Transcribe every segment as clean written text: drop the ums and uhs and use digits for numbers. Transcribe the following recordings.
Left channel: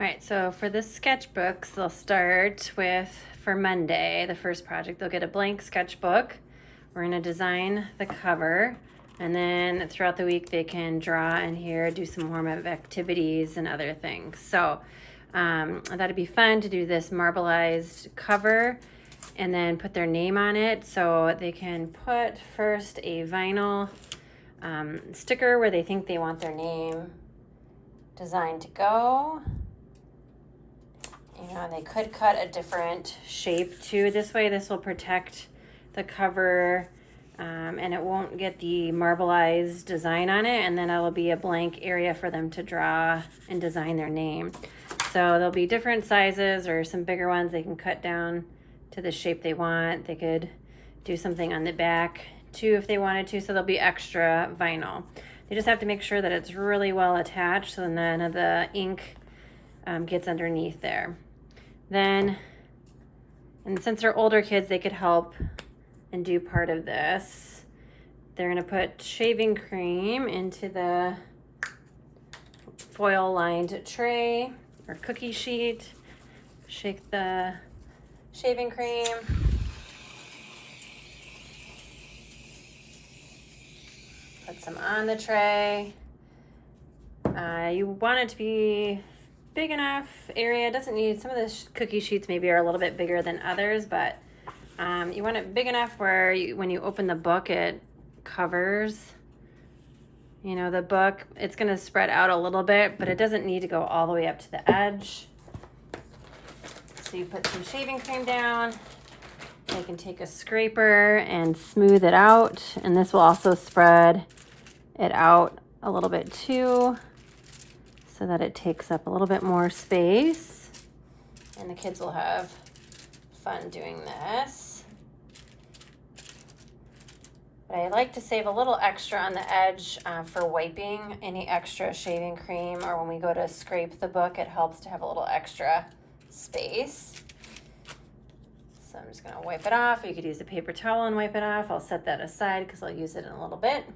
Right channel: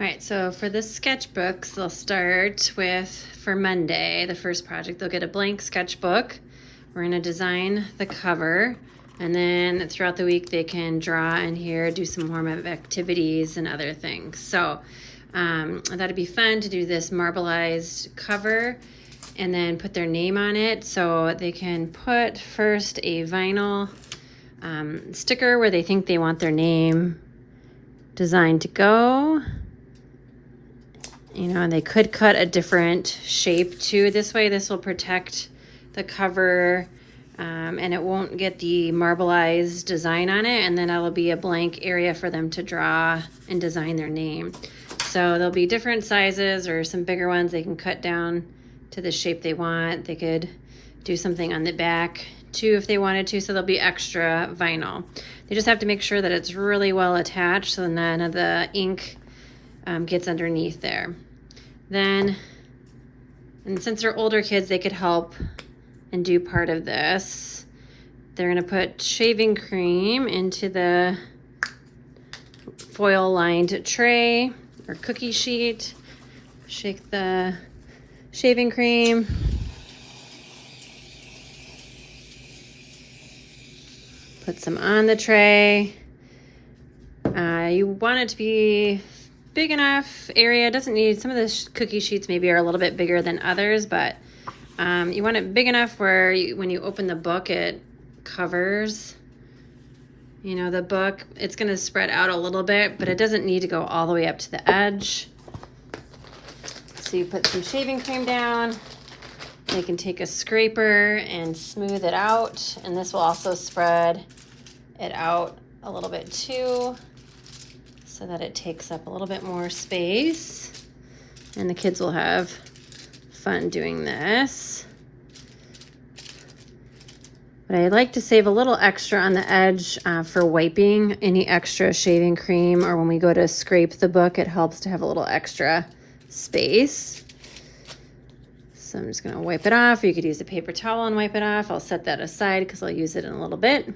All right, so for the sketchbooks, they'll start with, for Monday, the first project, they'll get a blank sketchbook. We're gonna design the cover, and then throughout the week, they can draw in here, do some warm-up activities and other things. So I thought it'd be fun to do this marbleized cover and then put their name on it. So they can put first a vinyl sticker where they think they want their name designed to go. You know, and they could cut a different shape too. This way, this will protect the cover and it won't get the marbleized design on it. And then it'll be a blank area for them to draw and design their name. So there'll be different sizes or some bigger ones they can cut down to the shape they want. They could do something on the back too if they wanted to. So there'll be extra vinyl. They just have to make sure that it's really well attached so none of the ink gets underneath there. Then, and since they're older kids, they could help and do part of this. They're gonna put shaving cream into the foil lined tray or cookie sheet. Shake the shaving cream. Put some on the tray. You want it to be big enough area. It doesn't need, some of the cookie sheets maybe are a little bit bigger than others, but you want it big enough where when you open the book, it covers, you know, the book. It's going to spread out a little bit, but it doesn't need to go all the way up to the edge. So you put some shaving cream down. They can take a scraper and smooth it out, and this will also spread it out a little bit too, so that it takes up a little bit more space, and the kids will have fun doing this. But I like to save a little extra on the edge for wiping any extra shaving cream, or when we go to scrape the book, it helps to have a little extra space. So I'm just gonna wipe it off, or you could use a paper towel and wipe it off. I'll set that aside because I'll use it in a little bit.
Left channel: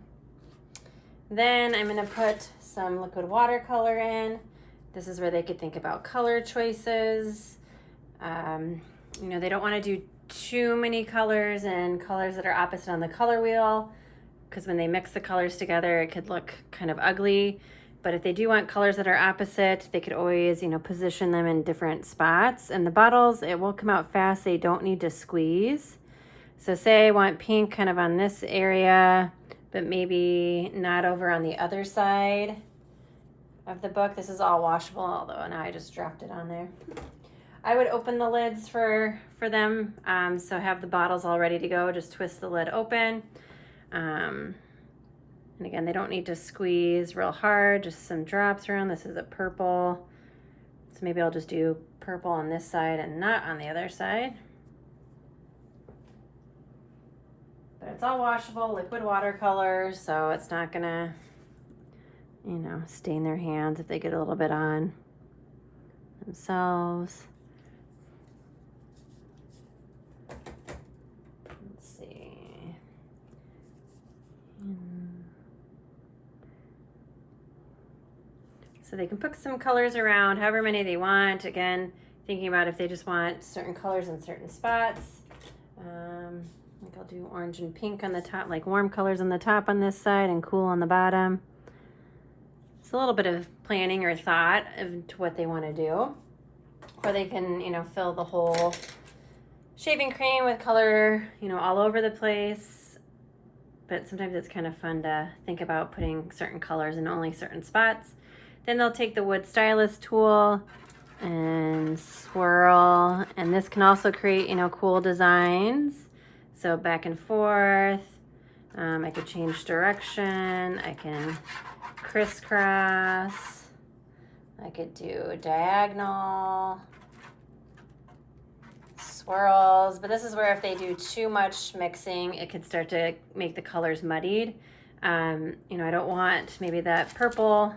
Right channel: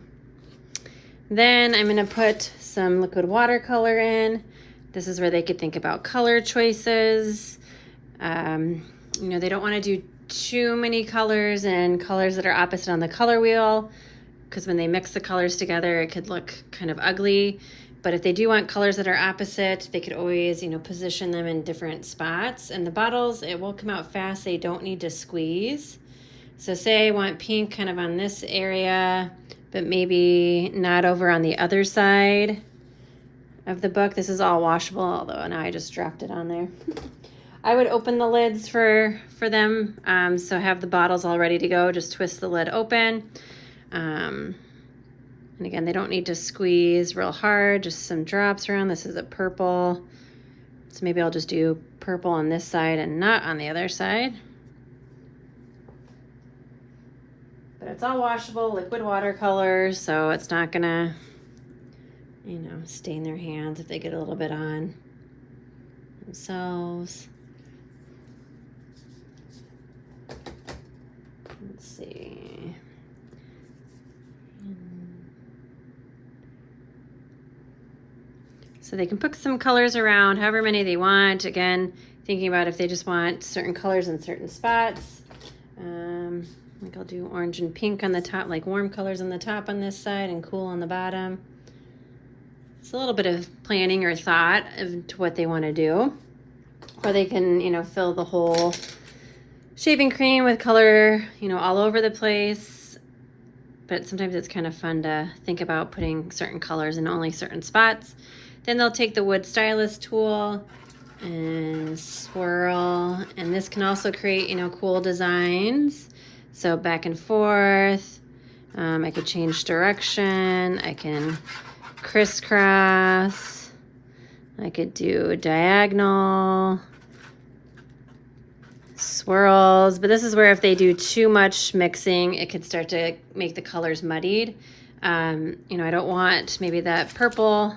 Then I'm gonna put some liquid watercolor in. This is where they could think about color choices. You know, they don't wanna do too many colors and colors that are opposite on the color wheel, because when they mix the colors together, it could look kind of ugly. But if they do want colors that are opposite, they could always, you know, position them in different spots. And the bottles, it will come out fast. They don't need to squeeze. So say I want pink kind of on this area, but maybe not over on the other side of the book. This is all washable, although now I just dropped it on there. I would open the lids for them. So have the bottles all ready to go. Just twist the lid open. And again, they don't need to squeeze real hard, just some drops around. This is a purple. So maybe I'll just do purple on this side and not on the other side. But it's all washable, liquid watercolor, so it's not gonna, you know, stain their hands if they get a little bit on themselves. Let's see. So they can put some colors around, however many they want. Again, thinking about if they just want certain colors in certain spots. I think I'll do orange and pink on the top, like warm colors on the top on this side and cool on the bottom. It's a little bit of planning or thought into what they want to do. Or they can, you know, fill the whole shaving cream with color, you know, all over the place. But sometimes it's kind of fun to think about putting certain colors in only certain spots. Then they'll take the wood stylus tool and swirl, and this can also create, you know, cool designs. So back and forth. I could change direction. I can crisscross. I could do diagonal swirls, but this is where if they do too much mixing, it could start to make the colors muddied. You know, I don't want maybe that purple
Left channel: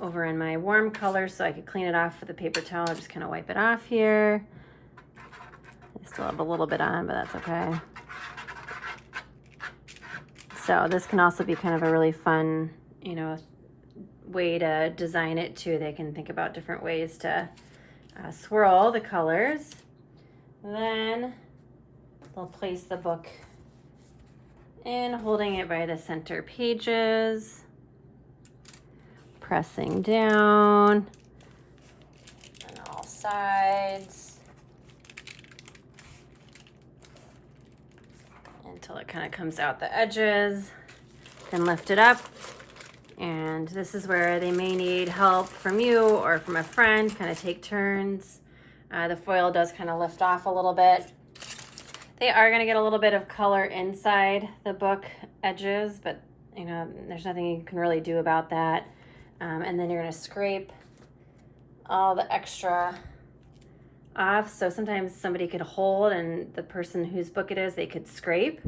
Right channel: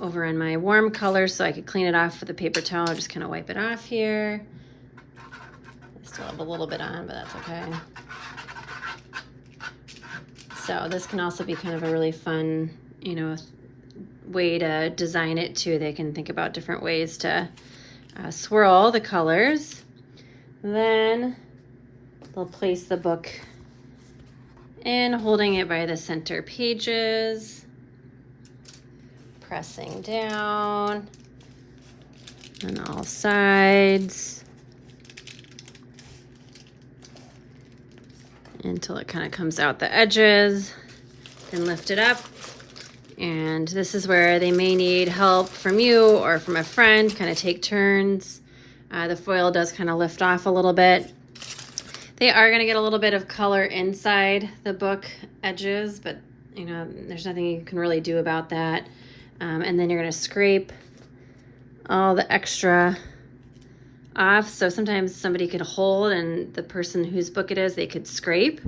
over in my warm color, so I could clean it off with a paper towel, just kind of wipe it off here. I still have a little bit on, but that's okay. So this can also be kind of a really fun, you know, way to design it too. They can think about different ways to swirl the colors. Then they'll place the book in, holding it by the center pages, pressing down on all sides until it kind of comes out the edges. Then lift it up. And this is where they may need help from you or from a friend, kind of take turns. The foil does kind of lift off a little bit. They are going to get a little bit of color inside the book edges, but you know, there's nothing you can really do about that. And then you're going to scrape all the extra off. So sometimes somebody could hold, and the person whose book it is, they could scrape.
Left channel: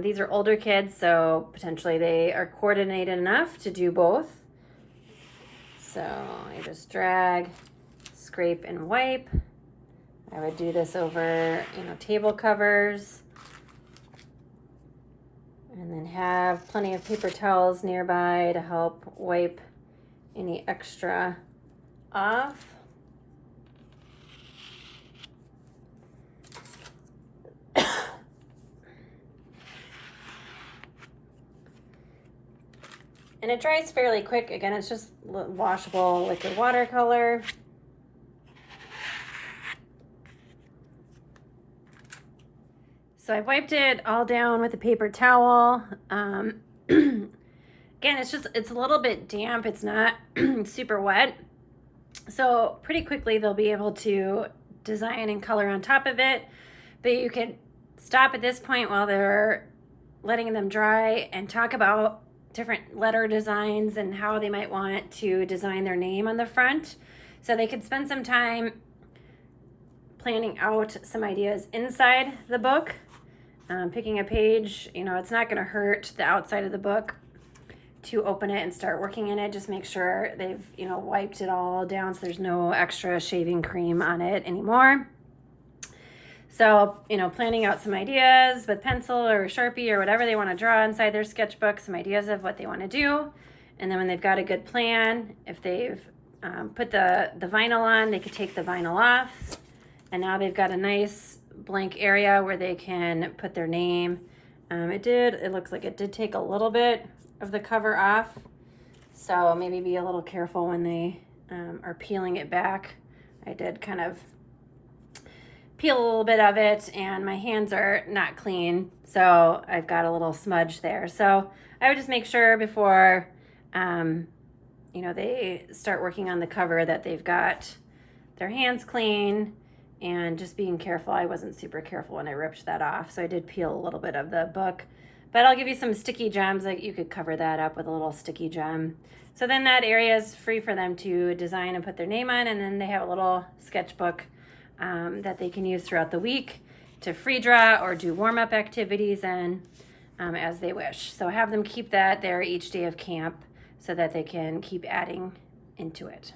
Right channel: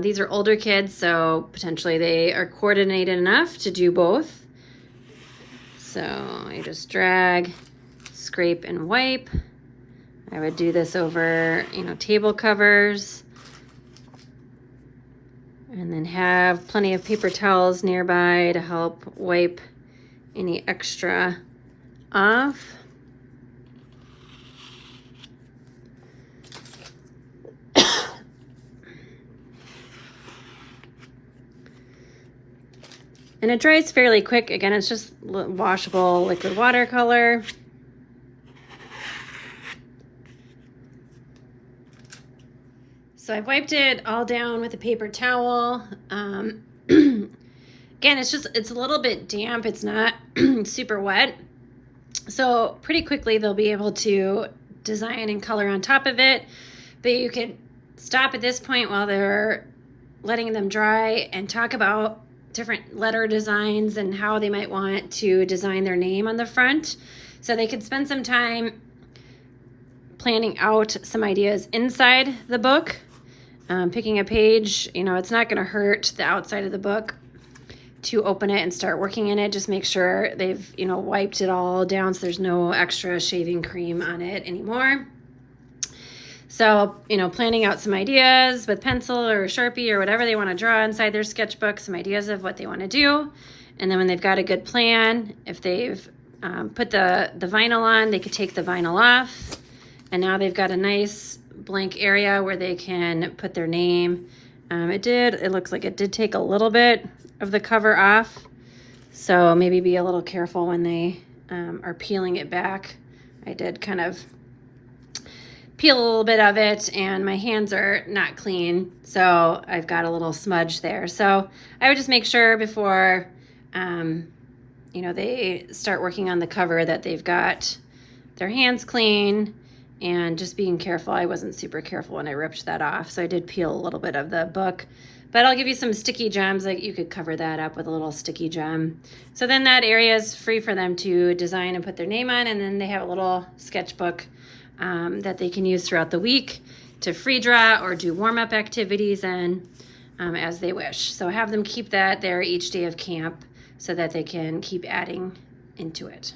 These are older kids, so potentially they are coordinated enough to do both. So I just drag, scrape, and wipe. I would do this over, you know, table covers. And then have plenty of paper towels nearby to help wipe any extra off. And it dries fairly quick. Again, it's just washable liquid watercolor. So I've wiped it all down with a paper towel. Again, it's a little bit damp. It's not super wet. So pretty quickly they'll be able to design and color on top of it. But you could stop at this point while they're letting them dry and talk about different letter designs and how they might want to design their name on the front. So they could spend some time planning out some ideas inside the book, picking a page. You know, it's not going to hurt the outside of the book to open it and start working in it. Just make sure they've, you know, wiped it all down so there's no extra shaving cream on it anymore. So, you know, planning out some ideas with pencil or Sharpie or whatever they want to draw inside their sketchbook, some ideas of what they want to do. And then when they've got a good plan, if they've put the vinyl on, they could take the vinyl off. And now they've got a nice blank area where they can put their name. It looks like it did take a little bit of the cover off. So maybe be a little careful when they are peeling it back. I did kind of peel a little bit of it, and my hands are not clean, so I've got a little smudge there. So I would just make sure before you know, they start working on the cover that they've got their hands clean, and just being careful. I wasn't super careful when I ripped that off, so I did peel a little bit of the book. But I'll give you some sticky gems. Like, you could cover that up with a little sticky gem. So then that area is free for them to design and put their name on, and then they have a little sketchbook that they can use throughout the week to free draw or do warm-up activities in as they wish. So have them keep that there each day of camp so that they can keep adding into it.